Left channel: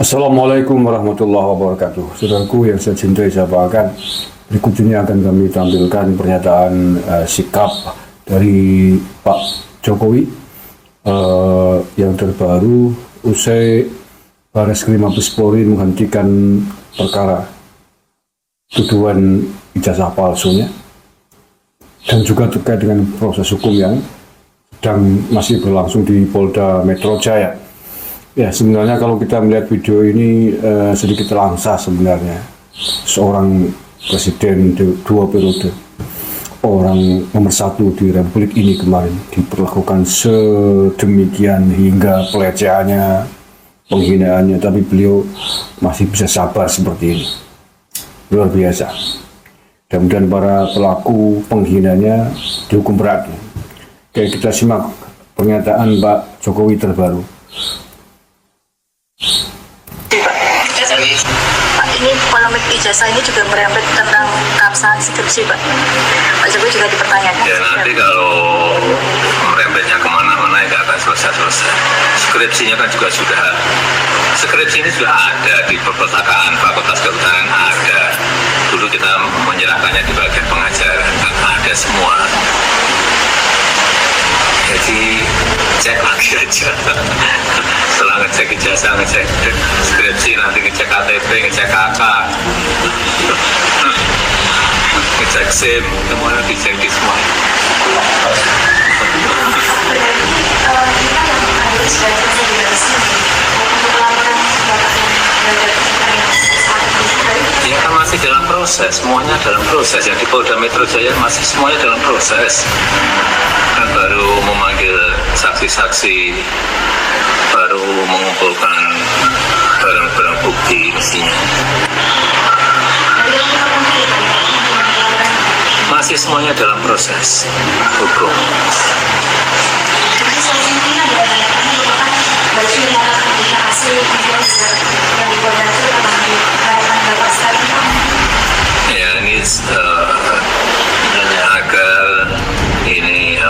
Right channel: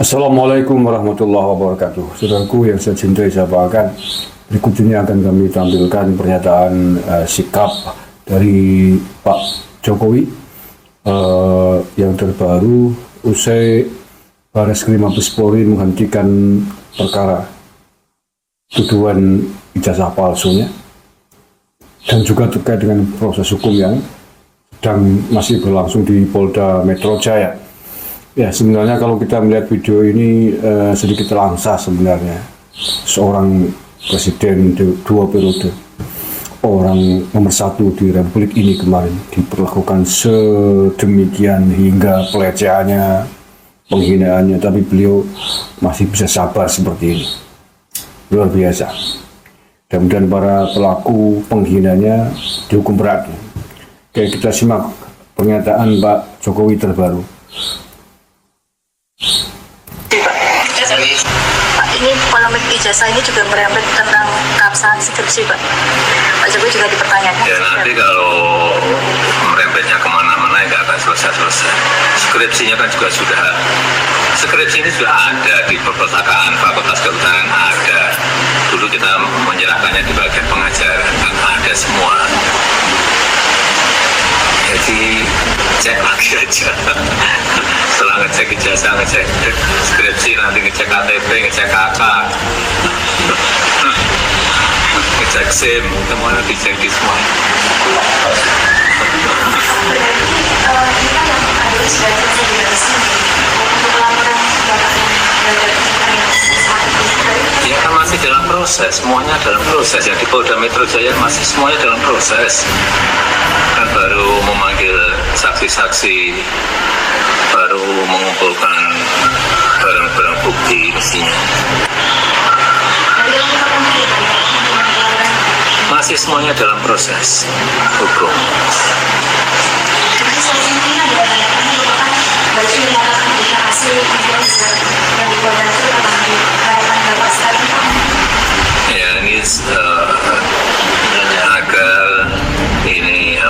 Assalamualaikum warahmatullahi wabarakatuh. Saudaraku yang saya cintai, saya banggakan, berikut ini akan kami tampilkan pernyataan sikap dari Pak Jokowi yang terbaru usai Bareskrim Mabes Polri menghentikan perkara tuduhan ijazah palsunya dan juga terkait dengan proses hukum yang sedang masih berlangsung di Polda Metro Jaya. Ya, sebenarnya kalau kita melihat video ini sedikit terangsa sebenarnya. Seorang presiden dua periode, orang nomor satu, sedemikian hingga pelecehannya, penghinaannya, tapi beliau masih bisa sabar seperti ini. Luar biasa. Dan kemudian para pelaku penghinanya dihukum berat. Oke, kita simak pernyataan Pak Jokowi terbaru. Ini polemik ijazahnya juga merembet tentang keabsahan skripsi, Pak. Pak Jokowi juga dipertanyakan. Ya, nanti kalau merembetnya kemana-mana nggak akan selesai-selesai. Skripsinya kan juga sudah. Skripsi ini sudah ada di perpustakaan Fakultas Kehutanan, ada. Dulu kita menyerahkannya di bagian pengajaran, ada semua. Jadi cek lagi aja. Setelah ngecek ijazah, ngecek skripsi, nanti ngecek KTP, ngecek KK, ngecek SIM, semuanya dicek di semua. Ya kan masih dalam proses, semuanya dalam proses. Jadi Polda Metro Jaya masih semuanya dalam proses. Kan baru memanggil saksi-saksi, baru mengumpulkan barang-barang bukti mestinya. Masih semuanya dalam proses hukum. Ya ini agar ini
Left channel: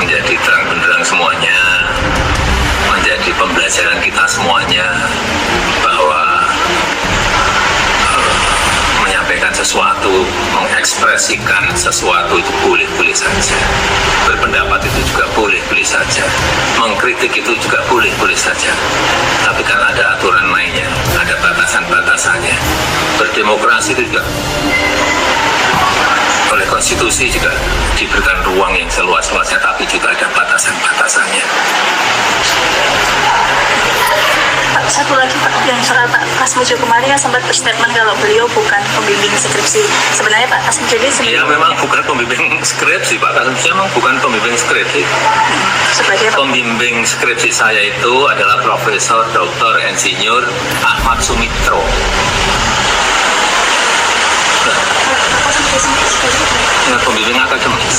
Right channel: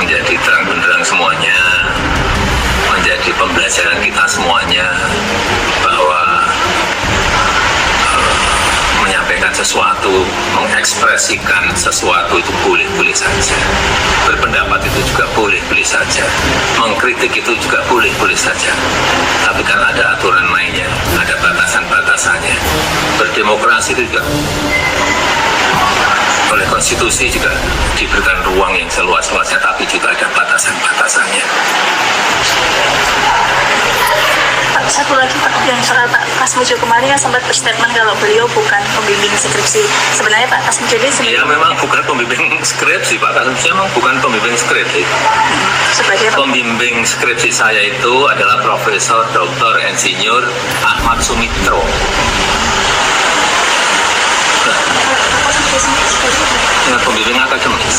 menjadi terang benderang semuanya, menjadi pembelajaran kita semuanya bahwa menyampaikan sesuatu, mengekspresikan sesuatu itu boleh-boleh saja, berpendapat itu juga boleh-boleh saja, mengkritik itu juga boleh-boleh saja, tapi kan ada aturan mainnya, ada batasan-batasannya. Berdemokrasi itu juga oleh konstitusi juga diberikan ruang yang seluas-luasnya, tapi juga ada batasan-batasannya. Pak, satu lagi Pak, yang soal Pak Asmujo kemarin yang sempat berstatement kalau beliau bukan pembimbing skripsi. Sebenarnya Pak Asmujo ini Ya memang bukan pembimbing skripsi, Pak. Saya memang bukan pembimbing skripsi. sebagai Pembimbing skripsi saya itu adalah Profesor Dr. Insinyur Ahmad Sumitro. Nah, pembimbing akademis.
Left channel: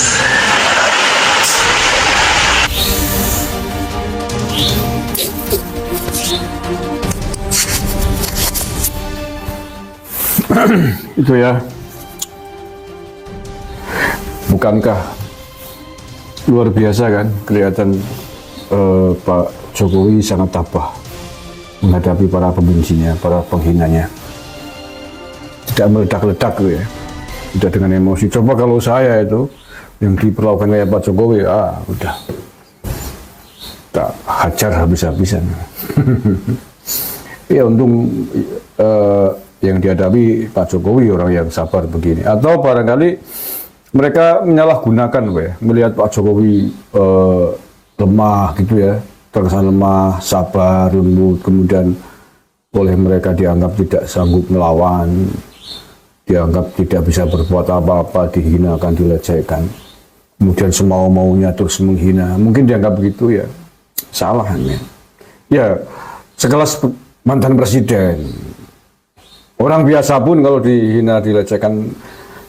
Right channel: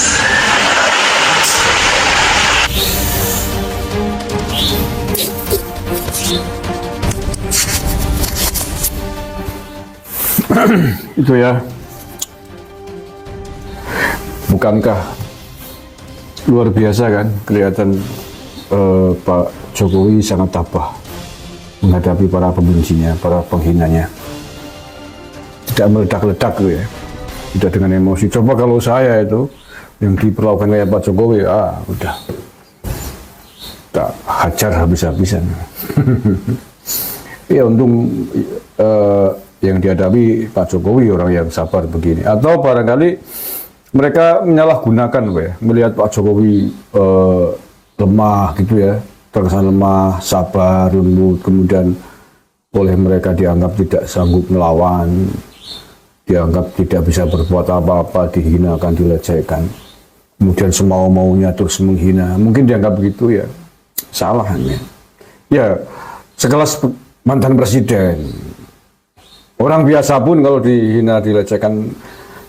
Itu ya, bukankah luar biasa kan kelihatan Pak Jokowi sangat tabah menghadapi para pembencinya, para penghinanya. Tidak meledak-ledak gitu ya, tidak dengan emosi. Coba kalau saya itu yang diperlakukan kayak Pak Jokowi, udah tak hajar habis-habisan. Ya untung yang dihadapi Pak Jokowi orang yang sabar begini. Atau barangkali mereka menyalahgunakan, melihat Pak Jokowi lemah gitu ya, terkesan lemah, sabar, lembut, kemudian oleh mereka dianggap tidak sanggup melawan, dianggap tidak bisa berbuat apa-apa, dihinakan, dilecehkan, kemudian semau-maunya terus menghina. Mungkin dianggap begitu ya, salah hanya. Ya, sekelas mantan presiden, orang biasa pun kalau dihina, dilecehkan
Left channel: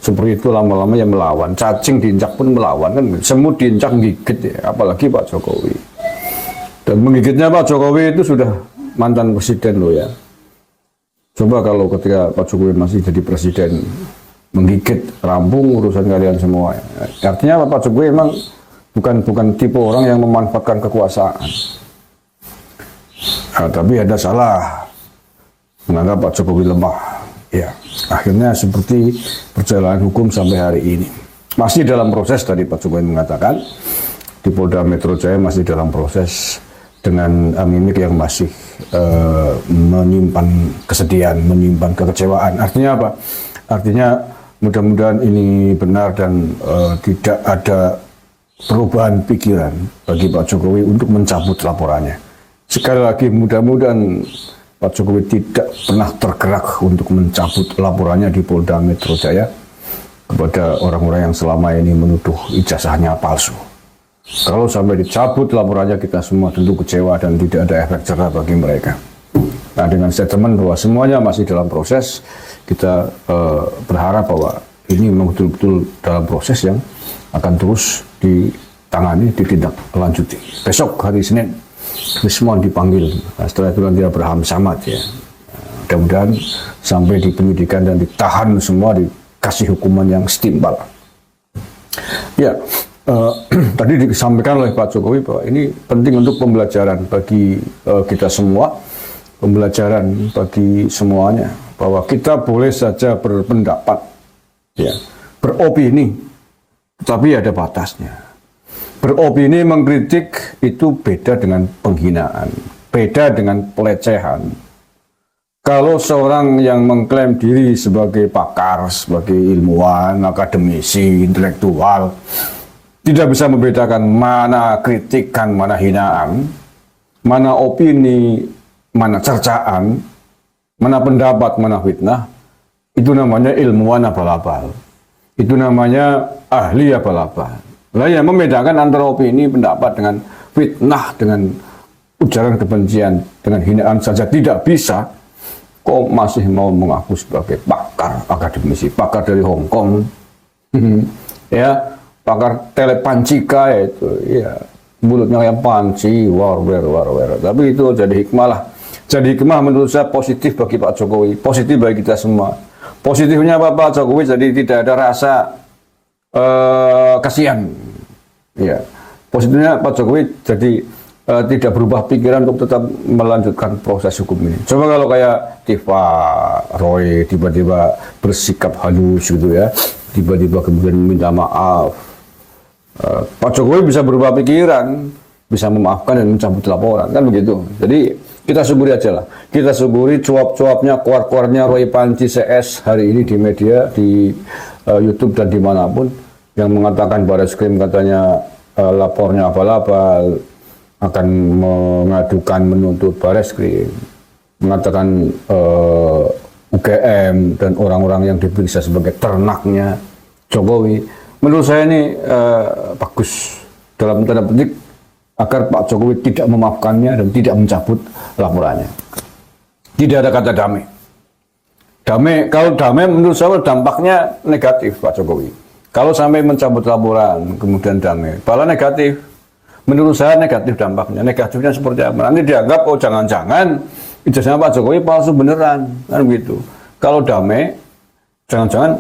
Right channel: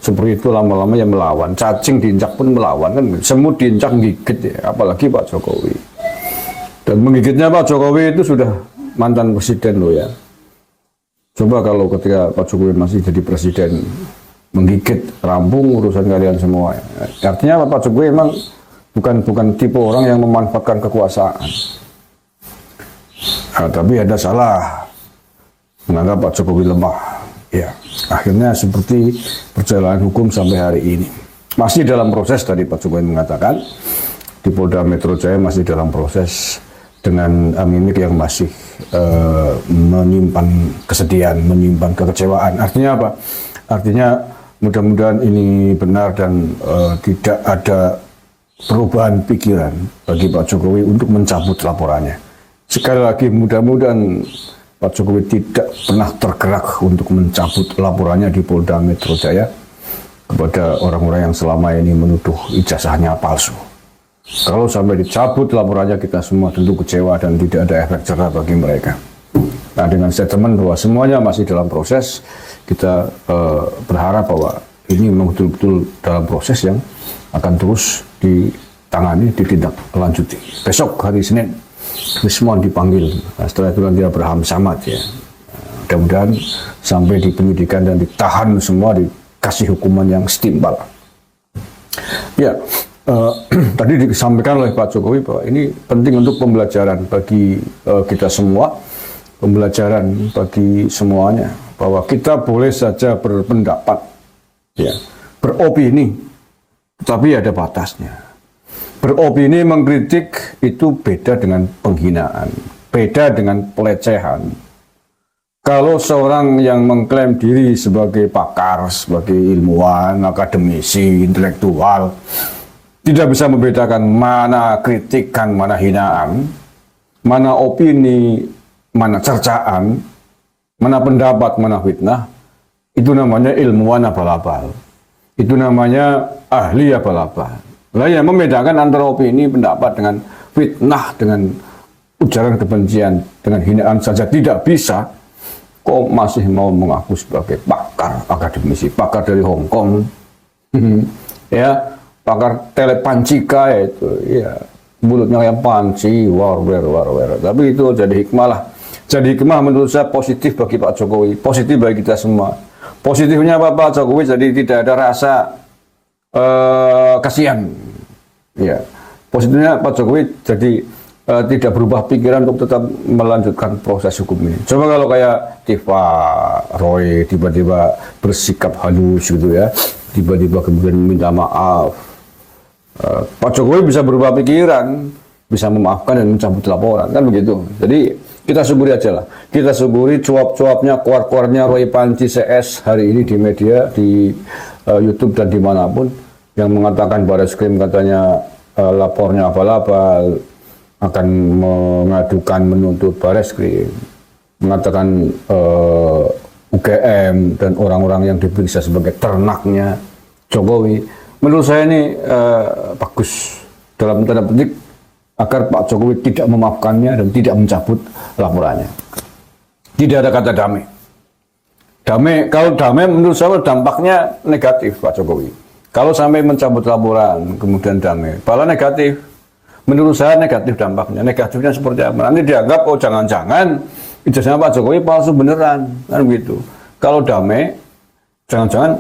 seperti itu lama-lama ya melawan. Cacing diinjak pun melawan kan, semut diinjak gigit ya, apalagi Pak Jokowi. Dan menggigitnya Pak Jokowi itu sudah mantan presiden loh ya. Coba kalau ketika Pak Jokowi masih jadi presiden, menggigit, rampung urusan kalian semua. Artinya Pak Jokowi memang bukan tipe orang yang memanfaatkan kekuasaan. Tapi ada salah, menganggap Pak Jokowi lemah. Ya, akhirnya seperti perjalanan hukum sampai hari ini. Masih dalam proses, tadi Pak Jokowi mengatakan, di Polda Metro Jaya masih dalam proses dengan mimik yang masih menyimpan kesedihan, menyimpan kekecewaan. Artinya apa? Artinya mudah-mudahan ini benar dan tidak ada perubahan pikiran bagi Pak Jokowi untuk mencabut laporannya. Sekali lagi, mudah-mudahan Pak Jokowi tidak pernah tergerak untuk mencabut laporannya di Polda Metro Jaya kepada orang-orang yang selama ini menuduh ijazahnya palsu. Kalau sampai dicabut laporannya, kita semua tentu kecewa dan tidak ada efek jerah bagi mereka. Nah, dengan statement bahwa semuanya masih dalam proses, kita berharap bahwa ini memang betul-betul dalam proses yang akan terus ditangani, ditindaklanjuti. Besok hari Senin, semua dipanggil. Nah, setelah itu nanti Abraham Samad ya. Mudah-mudahan sampai di penyidikan dan ditahan semua, dikasih hukuman yang setimpal. Ya, tadi disampaikan oleh Pak Jokowi bahwa ini penting untuk pembelajaran bagi kita semua, pembelajaran bagi semuanya, bahwa kita boleh saja berpendapat, ya, beropini, tapi ada batasnya. Beropini mengkritik itu beda dengan penghinaan, beda dengan pelecehan. Kalau seorang yang mengklaim diri sebagai pakar, sebagai ilmuwan, akademisi, intelektual, tidak bisa membedakan mana kritikan, mana hinaan, mana opini, mana cercaan, mana pendapat, mana fitnah, itu namanya ilmuwan abal-abal. Itu namanya ahli abal-abal. Lah yang membedakan antara opini, pendapat dengan fitnah, dengan ujaran kebencian, dengan hinaan saja tidak bisa, kok masih mau mengaku sebagai pakar akademisi, pakar dari Hong Kong, ya, pakar telepancika itu, ya, mulutnya yang panci, war. Tapi itu jadi hikmah lah. Jadi hikmah menurut saya positif bagi Pak Jokowi, positif bagi kita semua. Positifnya apa Pak Jokowi? Jadi tidak ada rasa kasihan. Ya, positifnya Pak Jokowi jadi tidak berubah pikiran untuk tetap melanjutkan proses hukum ini. Coba kalau kayak Tifa Roy tiba-tiba bersikap halus gitu ya, tiba-tiba kemudian minta maaf, Pak Jokowi bisa berubah pikiran, bisa memaafkan dan mencabut laporan, kan begitu. Jadi kita syukuri aja lah, kita syukuri cuap-cuapnya, keluar-keluarnya Roy Panci CS hari ini di media, di YouTube dan dimanapun, yang mengatakan Barreskrim katanya lapornya abal-abal, akan mengadukan, menuntut Barreskrim, mengatakan UGM dan orang-orang yang diperiksa sebagai ternaknya Jokowi. Menurut saya ini bagus dalam tanda petik agar Pak Jokowi tidak memaafkannya dan tidak mencabut laporannya. Tidak ada kata damai. Kalau damai menurut saya dampaknya negatif Pak Jokowi. Kalau sampai mencabut laporan kemudian damai, kalau negatif, menurut saya negatif dampaknya. Negatifnya seperti apa? Nanti dianggap oh jangan-jangan ijazahnya Pak Jokowi palsu beneran, kan gitu. Kalau damai, jangan-jangan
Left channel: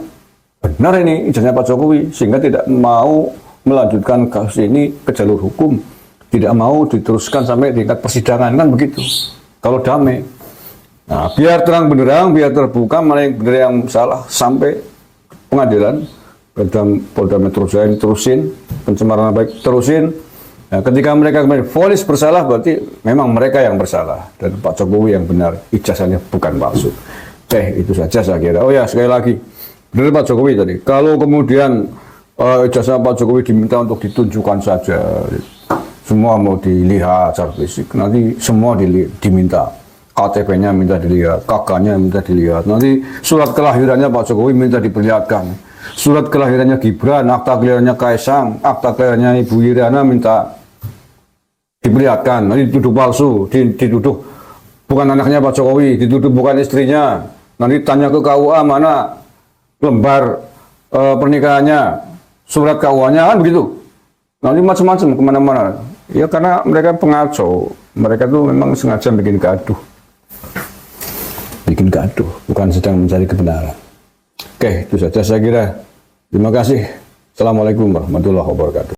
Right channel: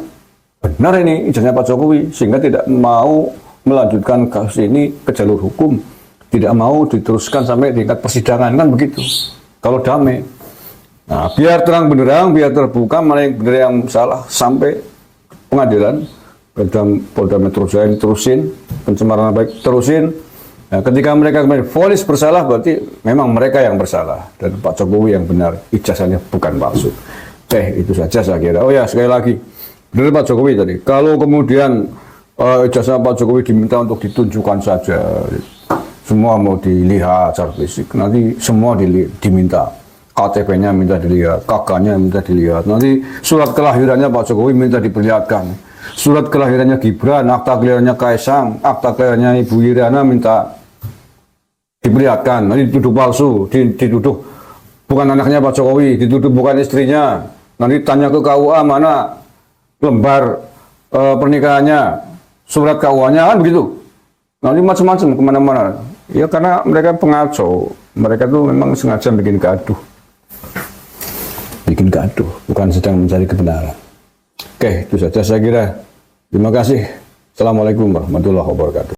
benar ini ijazahnya Pak Jokowi sehingga tidak mau melanjutkan kasus ini ke jalur hukum, tidak mau diteruskan sampai tingkat persidangan, kan begitu. Kalau damai, nah biar terang benderang, biar terbuka mana yang benar yang salah sampai pengadilan. Polda Metro Jaya terusin, pencemaran nama baik terusin. Nah, ketika mereka kembali vonis bersalah, berarti memang mereka yang bersalah dan Pak Jokowi yang benar, ijazahnya bukan palsu. Itu saja saya kira. Oh ya, sekali lagi, benar Pak Jokowi tadi. Kalau kemudian ijazah Pak Jokowi diminta untuk ditunjukkan saja, semua mau dilihat secara fisik, nanti semua diminta. KTP-nya minta dilihat, kakaknya minta dilihat, nanti surat kelahirannya Pak Jokowi minta diperlihatkan. Surat kelahirannya Gibran, akta kelahirannya Kaisang, akta kelahirannya Ibu Iriana minta diperlihatkan. Nanti dituduh palsu, dituduh bukan anaknya Pak Jokowi, dituduh bukan istrinya. Nanti tanya ke KUA mana lembar pernikahannya, surat KUA-nya, kan begitu. Nanti macam-macam kemana-mana. Ya karena mereka pengacau, mereka tuh memang sengaja bikin gaduh. Bikin gaduh, bukan sedang mencari kebenaran. Oke, itu saja saya kira. Terima kasih.